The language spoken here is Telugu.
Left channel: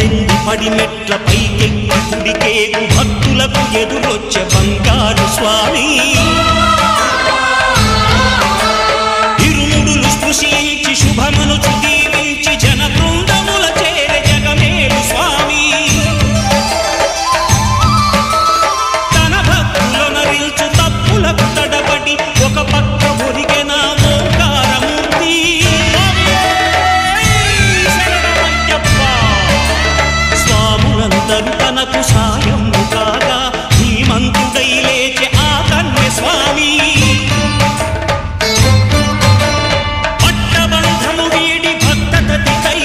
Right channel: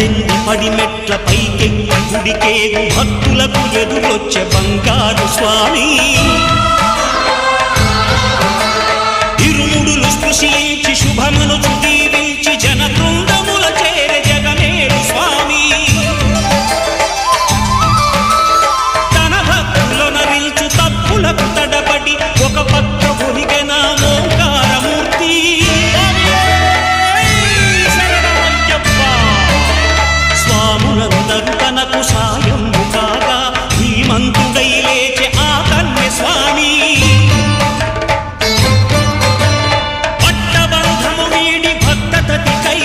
పద్దెంది పడిమెట్ల పైకెక్కి గుడికేగు భక్తులకు ఎదురొచ్చే బంగారు స్వామి ఇరుముడులు స్పృశించి శుభమనుచు దీవించి జన బృందముల చేరే జగమేలు స్వామి తన భక్తులొనరిల్చు తప్పులకు తడబడి ఒక పక్క ఒరిగెన ఓంకారమూర్తి స్వాములందరూ తనకు సాయము కాగా ధీమంతుడై లేచే ఆ కన్య స్వామి పట్టబంధము వీడి భక్తతతికై